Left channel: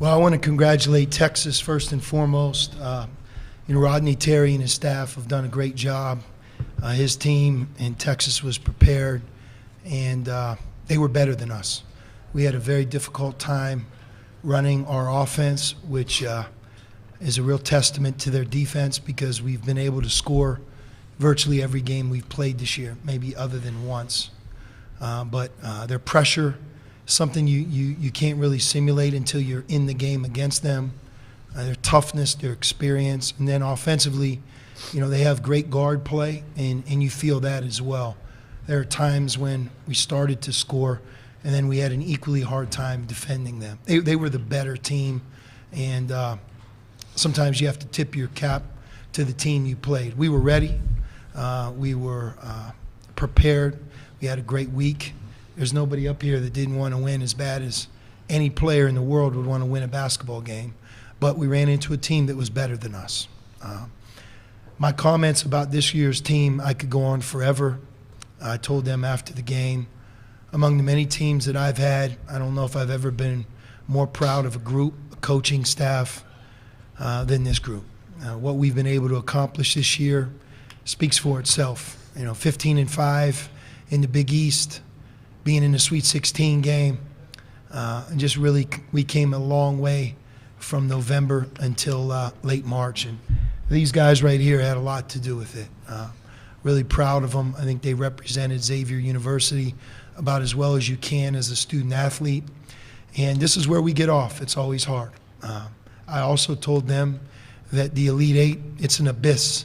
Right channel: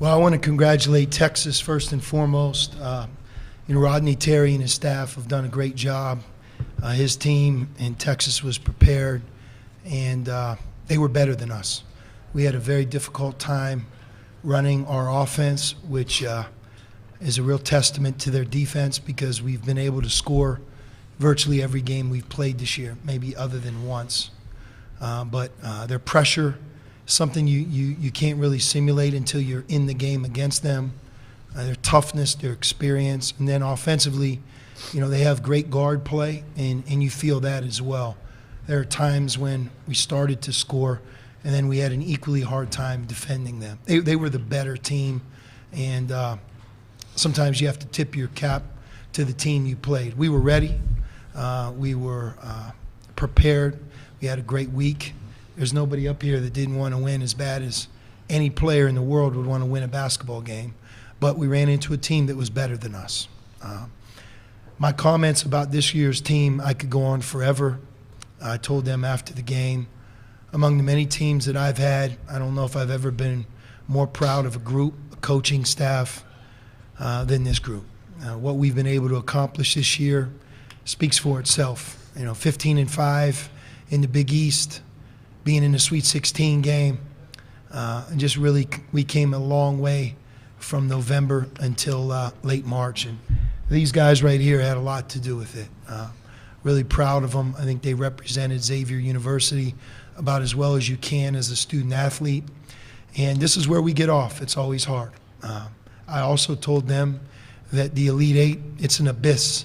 Well, I want to congratulate Texas first and foremost. Rodney Terry and his staff have done a great job. His team in Texas was prepared, and they were better than us. We had a very difficult time running our offense, which is a real testament to their defense because we've been able to score virtually every game we've played this year, maybe other than once. But their pressure, something you can't really simulate until you're in the game against them. Their toughness, their experience, and then offensively, they have great guard play, and you feel that as well. There are times when we started to score, and then we had an equally hard time defending them. They were the better team, and sometimes you have to tip your cap to the team you played. We were ready. We were prepared. We had a great week. There's nobody up here that didn't want to win as bad as any player in the world would want to win a basketball game. But we ran into a team that was better than us. My comments about this year's team, I could go on forever. I told them after the game, among the many teams that I've had, I don't know if I've ever been more proud of a group, a coaching staff, than this group. What we've been able to accomplish this year speaks for itself. 15-5 in the Big East, being in the Sweet 16 game, and just really we came a long way from November until late March. And these guys right here had a lot to do with it. Really proud of them. I think they represented Xavier University about as well as you can as a student athlete. And this is where we get off. It's always hard. I also told them that the Elite Eight, it's an abyss.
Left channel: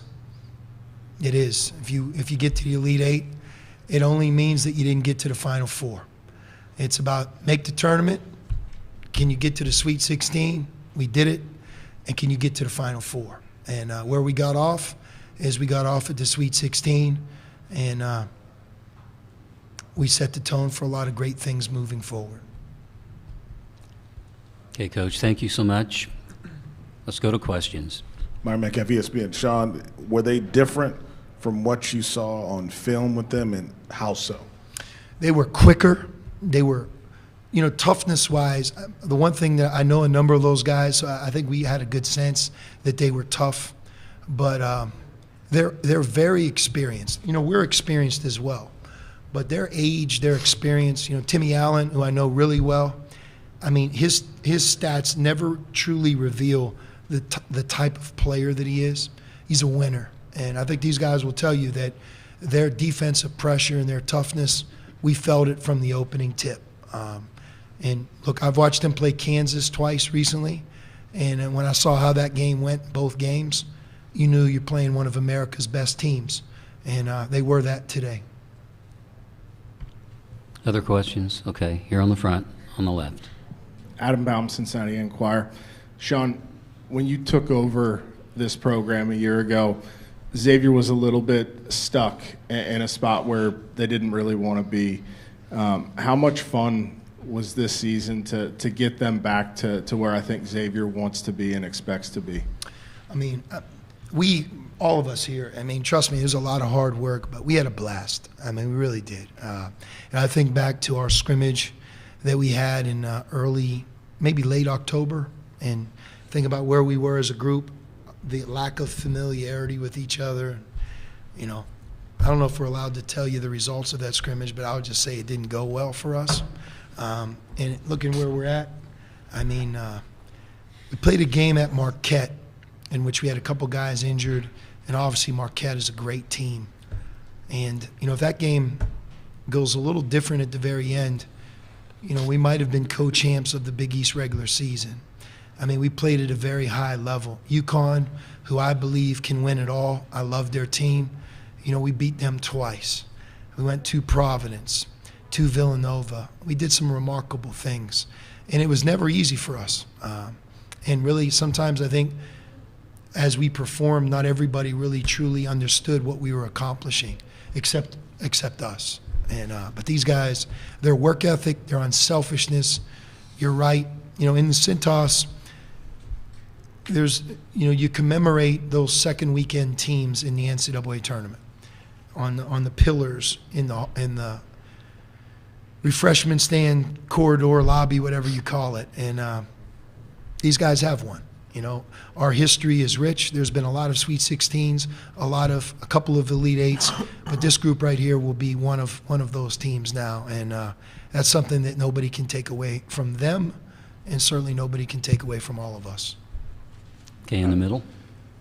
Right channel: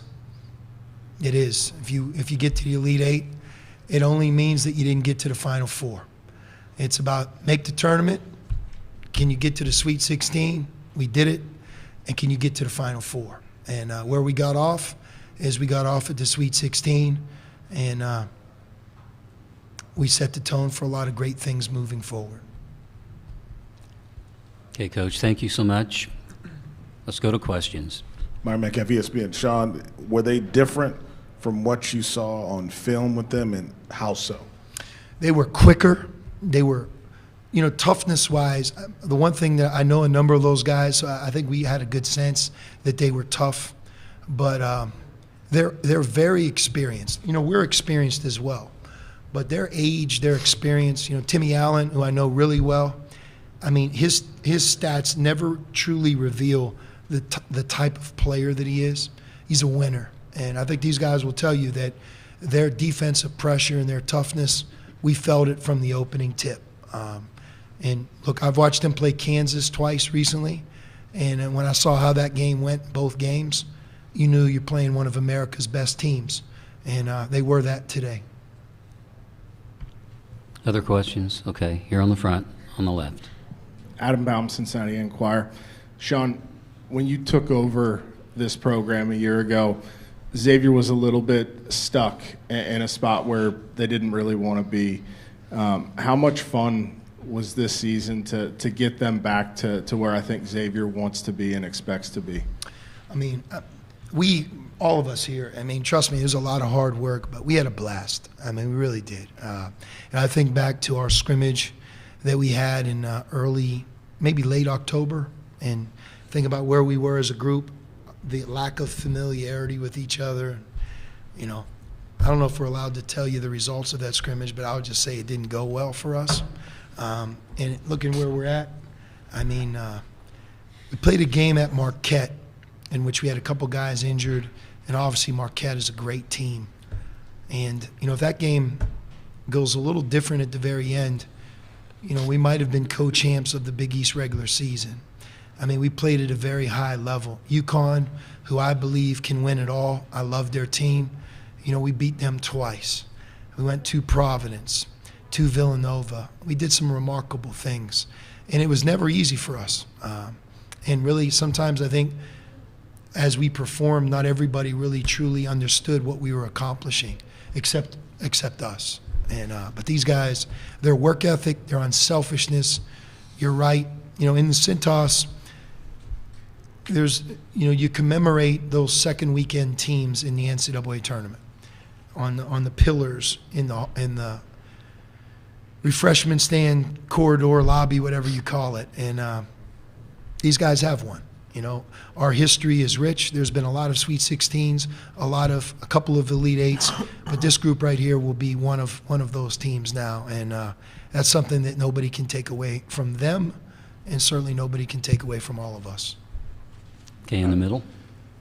It is. If you get to the Elite Eight, it only means that you didn't get to the Final Four. It's about make the tournament. Can you get to the Sweet 16? We did it. And can you get to the Final Four? And where we got off is we got off at the Sweet 16, and we set the tone for a lot of great things moving forward. Okay, Coach, thank you so much. Let's go to questions. Myron Metcalf, ESPN. Sean, were they different from what you saw on film with them, and how so? They were quicker. They were, toughness-wise. The one thing that I know a number of those guys, so I think we had a good sense that they were tough, but they're very experienced. We're experienced as well, but their age, their experience. Timmy Allen, who I know really well. I mean, his stats never truly reveal the type of player that he is. He's a winner. And I think these guys will tell you that their defensive pressure and their toughness, we felt it from the opening tip. And look, I've watched them play Kansas twice recently, and when I saw how that game went, both games, you knew you're playing one of America's best teams, and they were that today. Other questions? Okay, here on the front, on the left. Adam Baum, Cincinnati Enquirer. Sean, when you took over this program a year ago, Xavier was a little bit stuck in a spot where they didn't really want to be. How much fun was this season to get them back to where I think Xavier wants to be and expects to be? I mean, all of us here, trust me, it was a lot of hard work, but we had a blast. We really did. And I think back to our scrimmage that we had in early, maybe late October, and think about where we were as a group, the lack of familiarity with each other. I don't know if we're allowed to tell you the results of that scrimmage, but I would just say it didn't go well for us. And looking where we're at, we played a game at Marquette in which we had a couple guys injured, and obviously Marquette is a great team. And, if that game goes a little different at the very end, we might have been co-champs of the Big East regular season. We played at a very high level. UConn, who I believe can win it all, I love their team. We beat them twice. We went to Providence, to Villanova. We did some remarkable things. And it was never easy for us. And really, sometimes I think as we performed, not everybody really truly understood what we were accomplishing, except us. And but these guys, their work ethic, their unselfishness, you're right. In the Cintas, there's, you commemorate those second weekend teams in the NCAA tournament on the pillars in the refreshment stand, corridor, lobby, whatever you call it. And These guys have one. You know, our history is rich. There's been a lot of Sweet 16s, a couple of Elite Eights, but this group right here will be one of those teams now, and that's something that nobody can take away from them, and certainly nobody can take away from all of us. Okay, in the middle.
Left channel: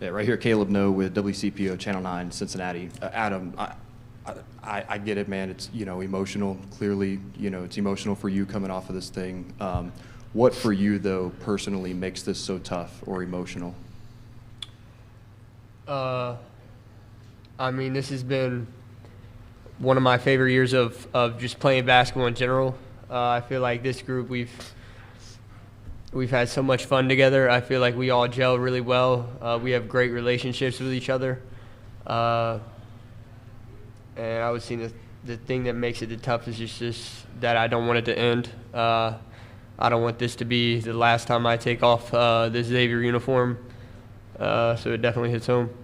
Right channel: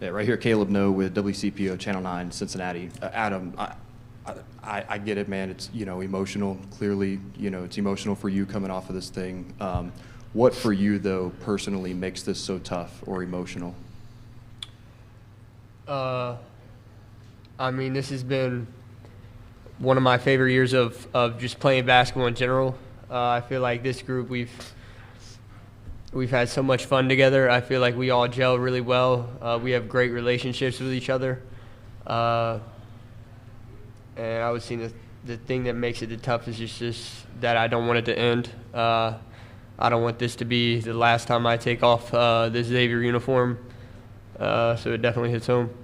Yeah, right here, Caleb No with WCPO Channel 9, Cincinnati. Adam, I get it, man. It's, emotional. Clearly, it's emotional for you coming off of this thing. What for you, though, personally makes this so tough or emotional? This has been one of my favorite years of just playing basketball in general. I feel like this group, we've had so much fun together. I feel like we all gel really well. We have great relationships with each other. And I would say the thing that makes it the toughest is just that I don't want it to end. I don't want this to be the last time I take off this Xavier uniform. So it definitely hits home.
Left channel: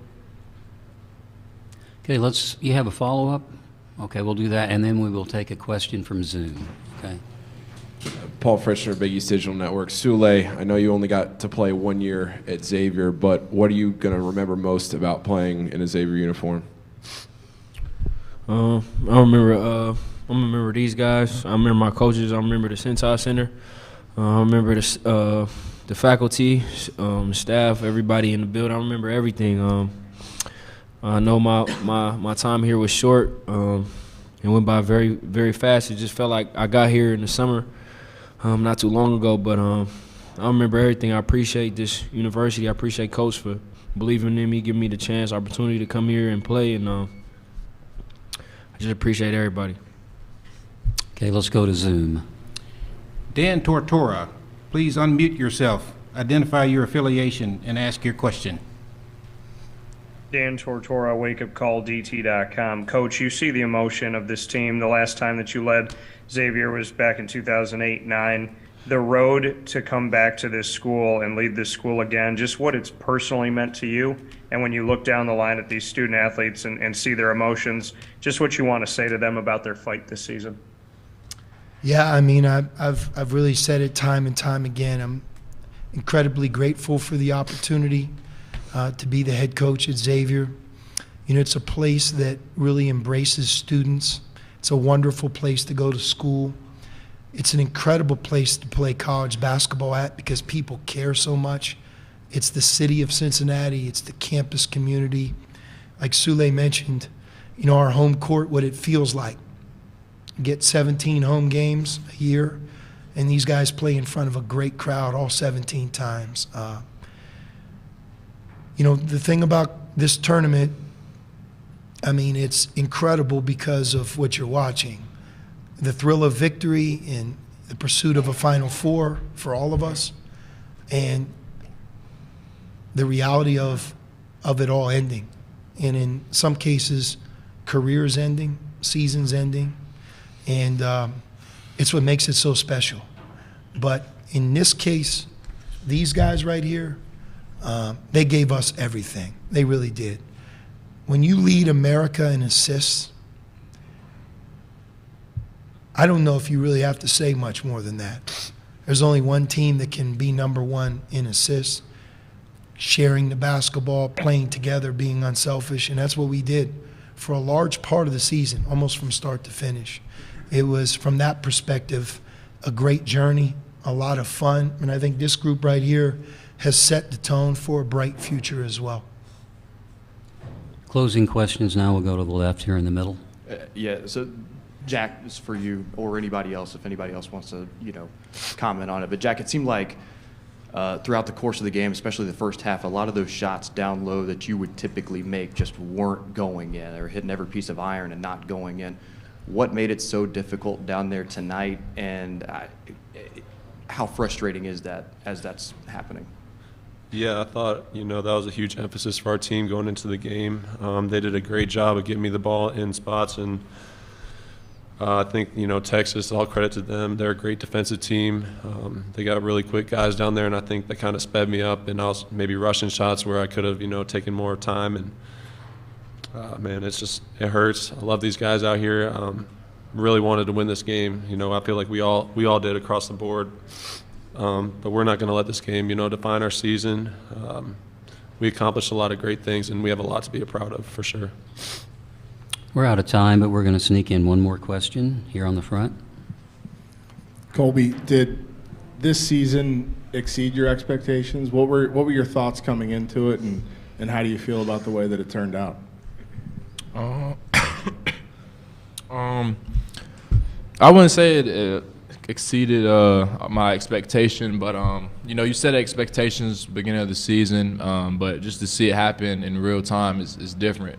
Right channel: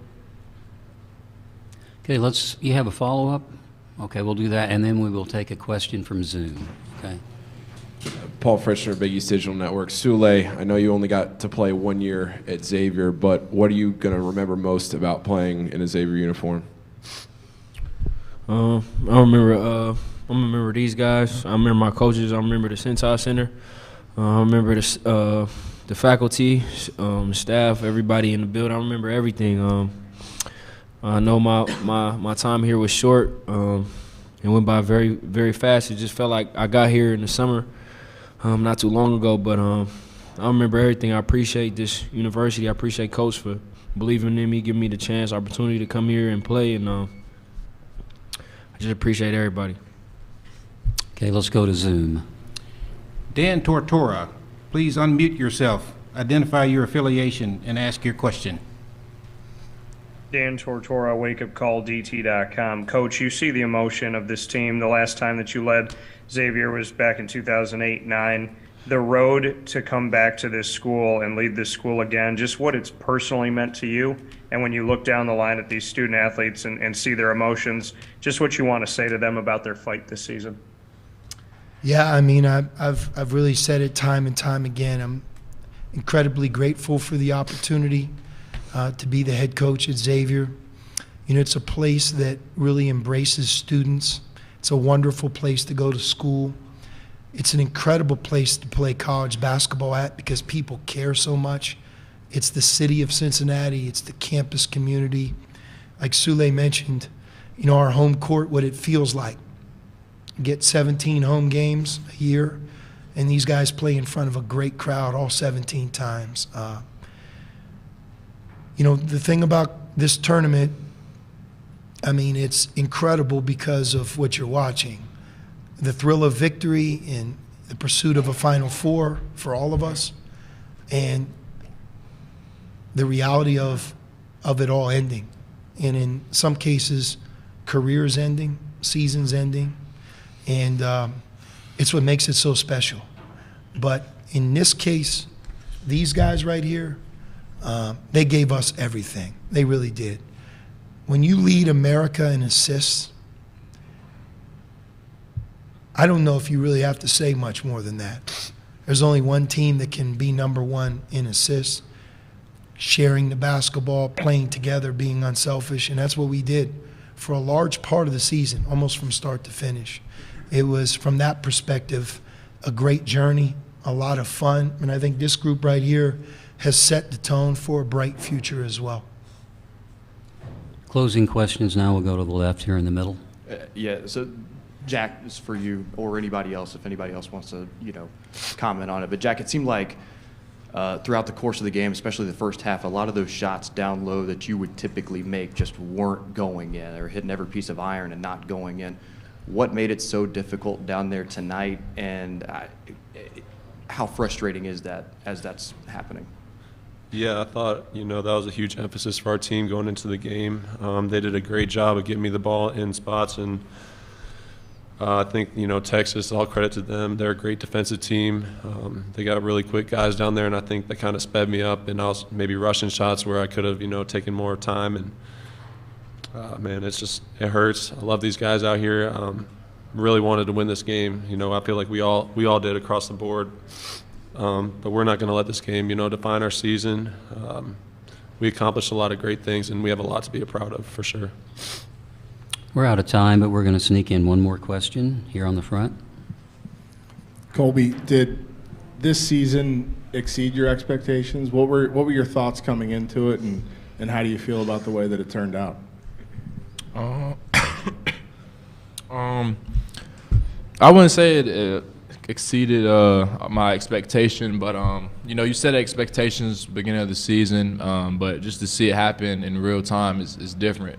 Okay, you have a follow-up? Okay, we'll do that, and then we will take a question from Zoom. Okay. Paul Frischner, Big East Digital Network. Sule, I know you only got to play 1 year at Xavier, but what are you going to remember most about playing in a Xavier uniform? I remember these guys. I remember my coaches. I remember the Sentai Center. I remember the faculty, staff, everybody in the building. I remember everything. I know my time here was short. It went by very, very fast. It just felt like I got here in the summer not too long ago. But I remember everything. I appreciate this university. I appreciate Coach for believing in me, giving me the chance, opportunity to come here and play. And I just appreciate everybody. Okay, let's go to Zoom. Dan Tortora, please unmute yourself, identify your affiliation, and ask your question. Dan Tortora, wakeupcalldt.com. Coach, you see the emotion of this team. The last time that you led Xavier was back in 2008-09. The road to come back to this school and lead this school again, just what it's personally meant to you, and when you look down the line at these student athletes and see their emotions, just what you want to say to them about their fight this season. Yeah, I've really said it time and time again. I'm incredibly grateful for the opportunity to be the head coach at Xavier. It's a place that really embraces students. It's a wonderful place to go to school. It's an incredible place to play college basketball at because people care so much. It's the city of Cincinnati. It's the campus community. Like Sule mentioned, our home court, what it feels like. Get 17 home games a year, and these guys play in front of a great crowd all 17 times. The thing about this tournament, it's incredible because of what you're watching. The thrill of victory and the pursuit of a Final Four for all of us, and the reality of it all ending. And in some cases, careers ending, seasons ending. And it's what makes it so special. But in this case, these guys right here, they gave us everything. They really did. When you lead America in assists, I don't know if you really have to say much more than that. There's only one team that can be number one in assists, sharing the basketball, playing together, being unselfish, and that's what we did for a large part of the season, almost from start to finish. It was, from that perspective, a great journey, a lot of fun, and I think this group right here has set the tone for a bright future as well. Closing questions now. We'll go to the left here in the middle. So Jack, this is for you or anybody else, if anybody else wants to, comment on it. But Jack, it seemed like throughout the course of the game, especially the first half, a lot of those shots down low that you would typically make just weren't going in, or hitting every piece of iron and not going in. What made it so difficult down there tonight, and how frustrating is that as that's happening? Yeah, I thought, that was a huge emphasis for our team going into the game. They did a great job of getting me the ball in spots, and I think, Texas, all credit to them. They're a great defensive team. They got really quick guys down there, and I think they kind of sped me up, and also maybe rushing shots where I could have, taken more time. And, man, it hurts. I love these guys out here. Really wanted to win this game. I feel like we all did across the board. But we're not going to let this game, define our season. We accomplished a lot of great things, and we have a lot to be proud of, for sure. We're out of time, but we're going to sneak in one more question here on the front. Colby, did this season exceed your expectations? What were your thoughts coming into it, and how do you feel about the way that it turned out? I wouldn't say it exceeded my expectation, but you set expectations beginning of the season, but just to see it happen in real time is different.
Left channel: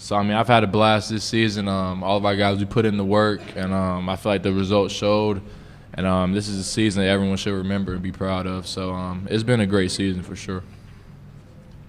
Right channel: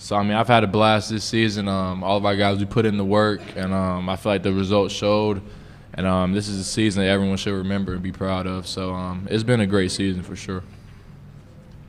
So I've had a blast this season. All of our guys, we put in the work, and I feel like the results showed. And this is a season that everyone should remember and be proud of. So it's been a great season for sure.